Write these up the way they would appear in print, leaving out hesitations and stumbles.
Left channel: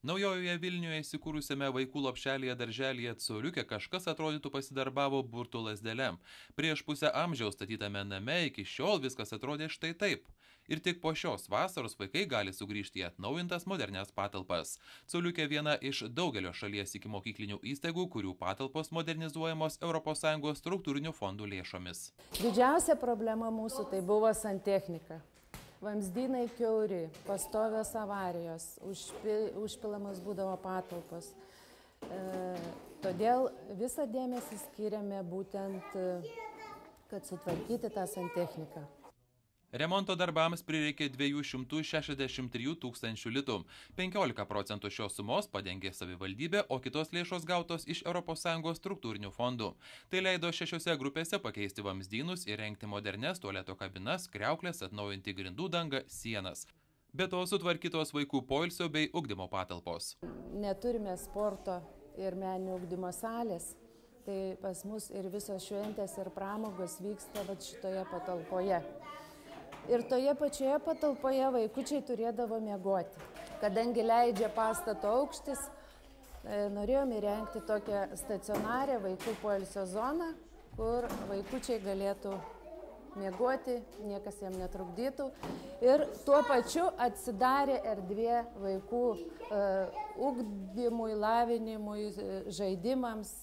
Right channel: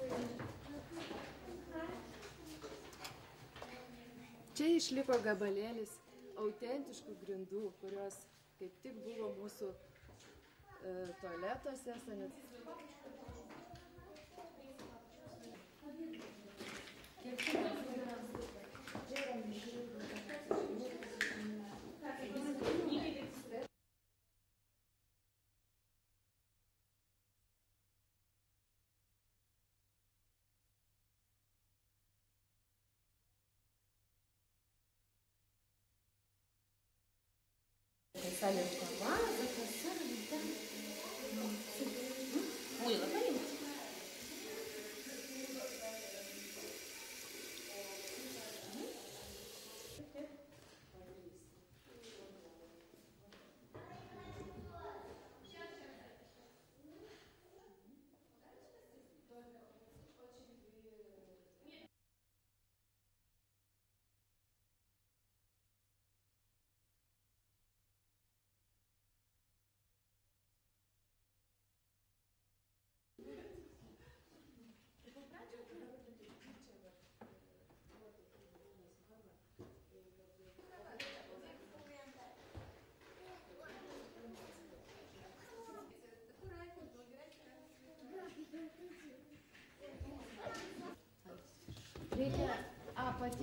Naujojoje Vilniuje įsikūrusiame vaikų lopšelyje darželyje Coliukė kažkas atrodytų pasidarbavo burtų lazdele. Prieš pusę amžiaus statytame name iki šiol viskas atrodė štai taip. Ir tik po šios vasaros vaikai gali sugrįžti į atnaujintas modernias patalpas. Coliukė viena iš daugelio šalies ikimokyklinių įstaigų, kurių patalpos modernizuojamos ES struktūrinių fondų lėšomis. Didžiausia problema mūsų tai buvo santechnika. Vamzdynai kiauri, pastovios avarijos, užpilamas būdavo patalpos. Todėl visą dėmesį skiriame būtent, kad sutvarkyti tą santechniką. Remonto darbams prireikė 263 tūkstančių litų. 15% šios sumos padengė savivaldybė, o kitos lėšos gautos iš ES struktūrinių fondų. Tai leido 6 grupėse pakeisti vamzdynus, įrengti modernes tualeto kabinas, kriauklės, atnaujinti grindų dangą, sienas. Be to sutvarkytos vaikų poilsio bei ugdymo patalpos. Neturime sporto ir meninio ugdymo salės, tai pas mus ir visos šventės ir pramogos vyksta šitoje patalpoje. Ir toje pačioje patalpoje vaikučiai turėdavo miegoti. Kadangi leidžia pastato aukštis, norėjome įrengti tokią stacionarę vaikų poilsio zoną, kur vaikučiai galėtų miegoti, niekas jam netrukdytų. Ir tuo pačiu atsidarė erdvė vaikų ugdymui, lavinimui, žaidimams.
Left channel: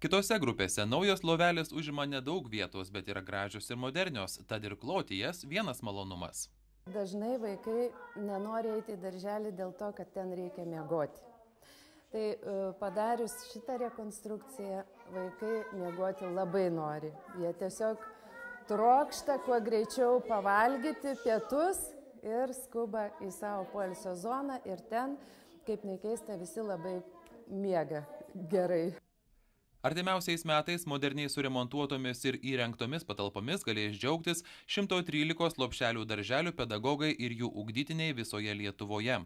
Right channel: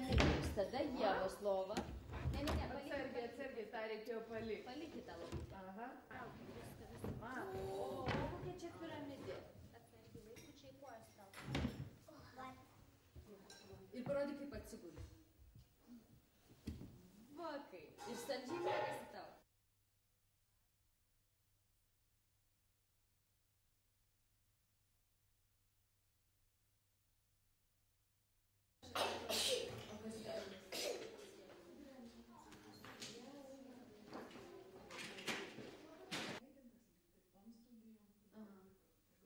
Kitose grupėse naujos lovelės užima nedaug vietos, bet yra gražios ir modernios, tad ir kloti jas vienas malonumas. Dažnai vaikai nenori eiti į darželį dėl to, kad ten reikia miegoti. Tai padarius šitą rekonstrukciją, vaikai miegoti labai nori. Jie tiesiog trokšta kuo greičiau pavalgyti pietus ir skuba į savo poilsio zoną ir ten, kaip nekeista, visi labai miega gerai. Artimiausiais metais moderniai suremontuotomis ir įrengtomis patalpomis galės džiaugtis 113 lopšelių darželių pedagogai ir jų ugdytiniai visoje Lietuvoje.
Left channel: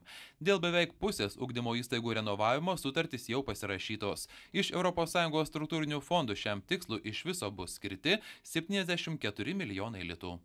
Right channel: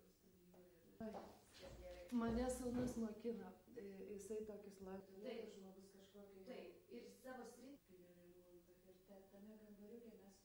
Dėl beveik pusės ugdymo įstaigų renovavimo sutartys jau pasirašytos. Iš ES struktūrinių fondų šiam tikslui iš viso bus skirti 74 milijonai litų.